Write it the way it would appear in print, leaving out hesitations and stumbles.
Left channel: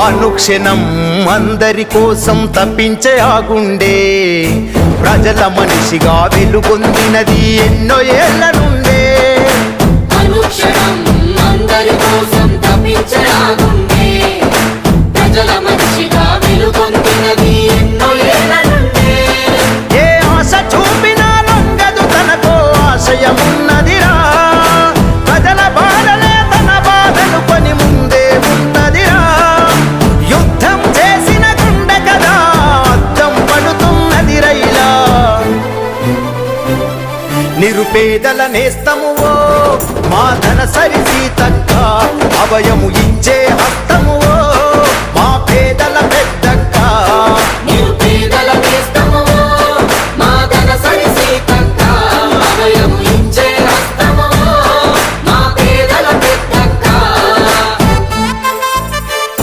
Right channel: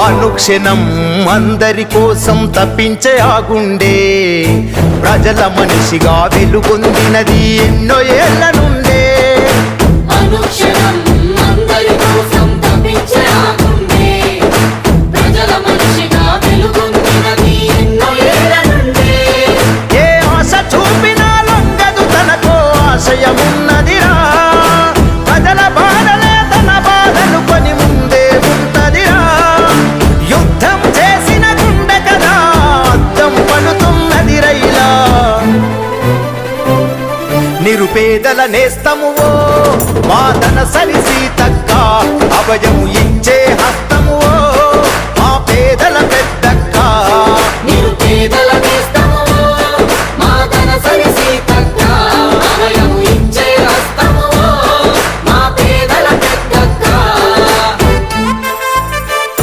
అనుక్షణం అందరి కోసం తప్పించే ఆ గుండె ప్రజల మనిషిగా వెలుగొందినది ఎన్నో ఏళ్ల నుండే. ఏ ఆశ చూపినా లొంగదు తనకో ఆశయమున్నదిరా. ప్రజల బాధలే తన బాధలు కొని ముందే ఉంటదిరా. యుద్ధం చేసిన గుండె కదా అద్దం పడుతున్నది రైలా. నిరుపేదల నేస్తా